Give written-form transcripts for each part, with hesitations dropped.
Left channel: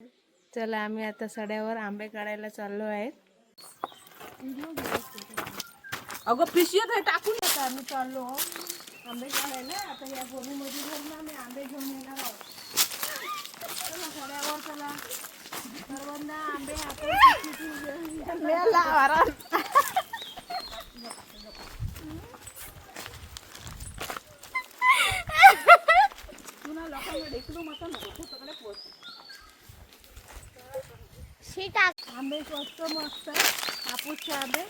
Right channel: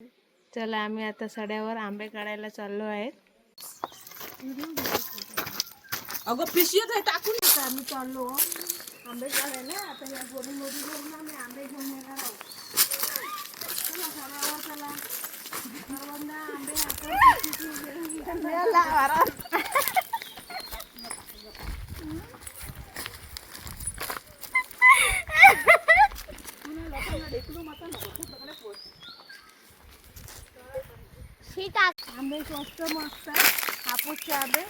चला आम्ही आता सड्यावर आंबे काढायला चाललो आहेत. अगं पिशवीत आहे टाकून आता आम्ही चाललो आंबे काढायला. आता या गोडीमध्ये घेऊन आम्ही आंबे घेऊन येणार आहोत. चला सड्यावर चला. सर्वांना आंबे हातात आंबे स्वस्त मस्त हापूसचे आंबे.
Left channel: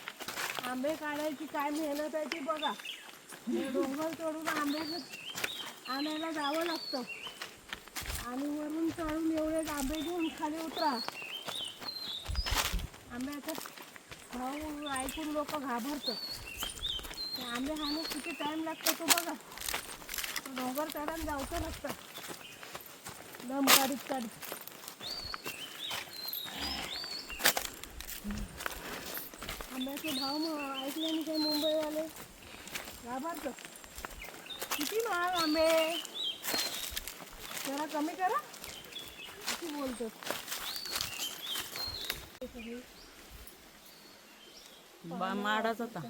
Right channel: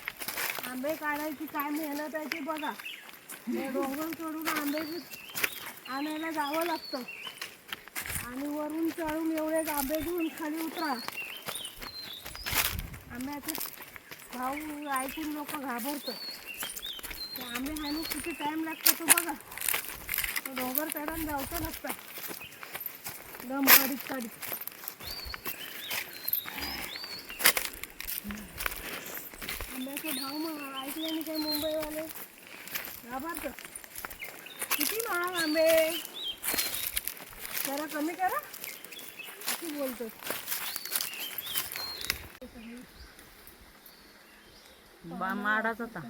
आंबे काढायची काय मेहनत आहे ते बघा. डोंगर चढून आंबे आणायला जावं लागतं आणि वरून चढून एवढे आंबे घेऊन खाली उतरा. आंब्याचा भाव ऐकून लोक घाबरतात. ते आंबे खाण्यास किती टाईम लागतो तो बघा. तो डोंगर चढून जायचं लागतं दम काढीत काढीत. आंब्याचे भाव ऐकल्याने काही मुंबईवाले घाबरतात. किती महाग आंबे, जरा कमी करा अशी बोलतात. माडाच होता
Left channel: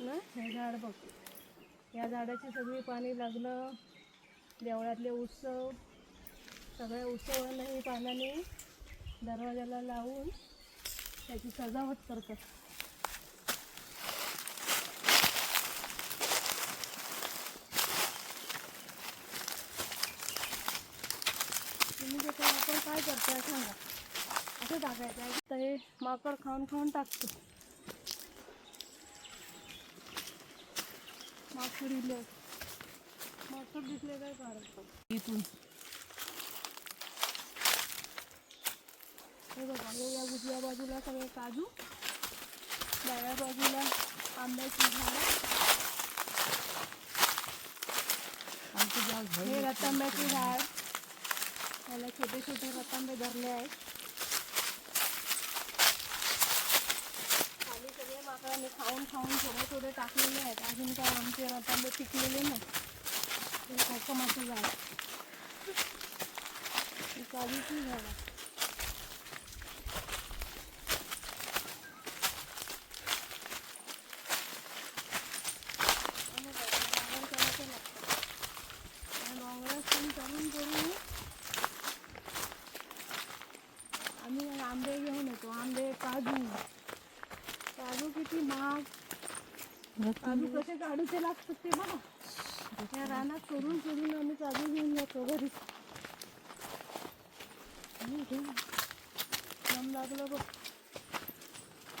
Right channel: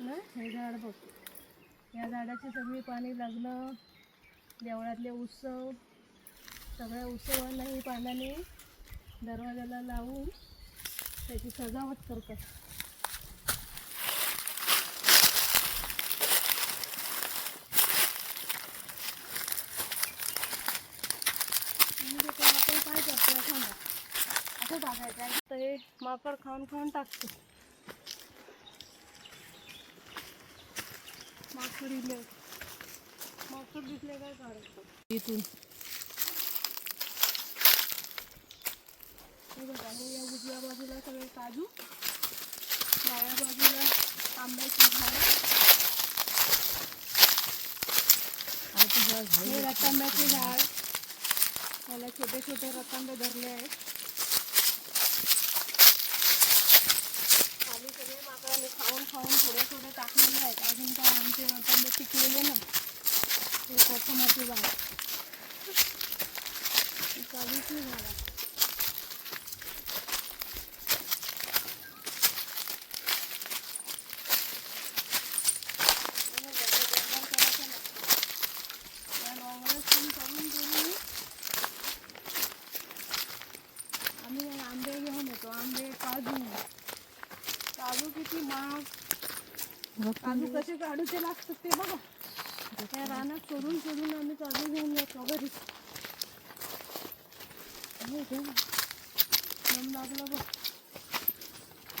ना हे झाड बघ. या झाडाची सगळी पाणी लागणं, देवळातले उत्सव, सगळ्या उत्सवांना ही पानाने दरवाजाला लावून त्याची सजावट करतात. तुम्ही जे काय आपण काय करतोय सांगा. असं टाकायचं आहे तर हे माकड खाऊन खाऊन टाकतो. माकड दिसले काय काढतो इथून. हे बघा या उजव्या बाजूला सगळे काजू, डाव्या बाजूला आंब्याची झाडं, हे रतांब्याचे झाड. त्याला छोटे छोटे रतांबे धरले आहेत. खाली सगळे माकडाने खाऊन खाऊन थोडे थोडे टाकलेले आहेत. अजून काय आमचे रतांबे पिकलेले नाही. हे कोकमाची झाड, ही काजूची झाड. आम्ही आंबे घेऊन येतो. आंबे, काजू. काजू किती महाग. काजू कसे काढूचे लागतात ते बघा. त्या रानात चोरून चोरून आम्ही काजू घेऊन जातो घरी. दम लागलं बघ.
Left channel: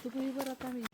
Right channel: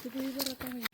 तुम्ही बरं आता मी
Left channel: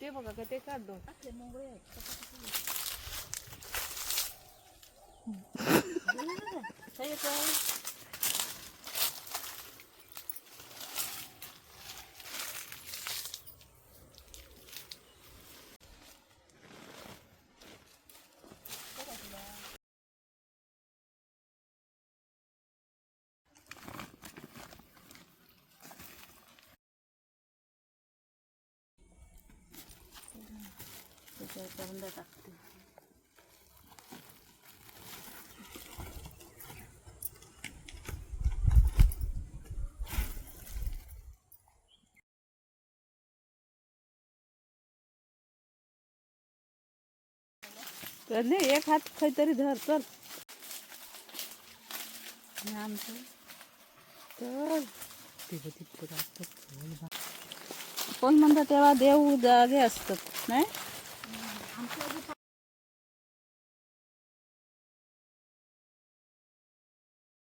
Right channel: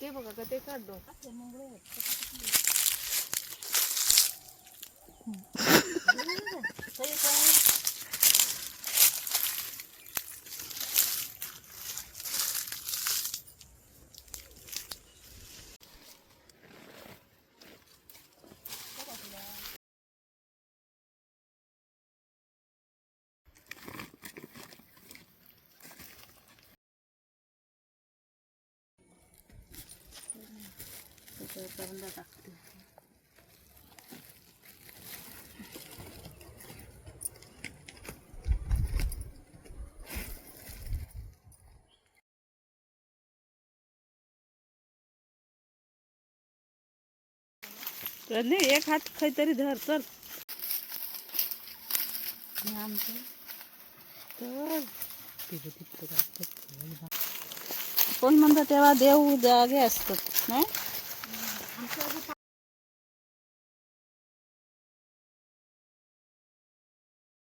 ते बघा का ते काढतो. टाकते. एक हात काहीतरी धर चल. आमचं तर कोण म्हणतात तेव्हा देव जागे असतात नाही.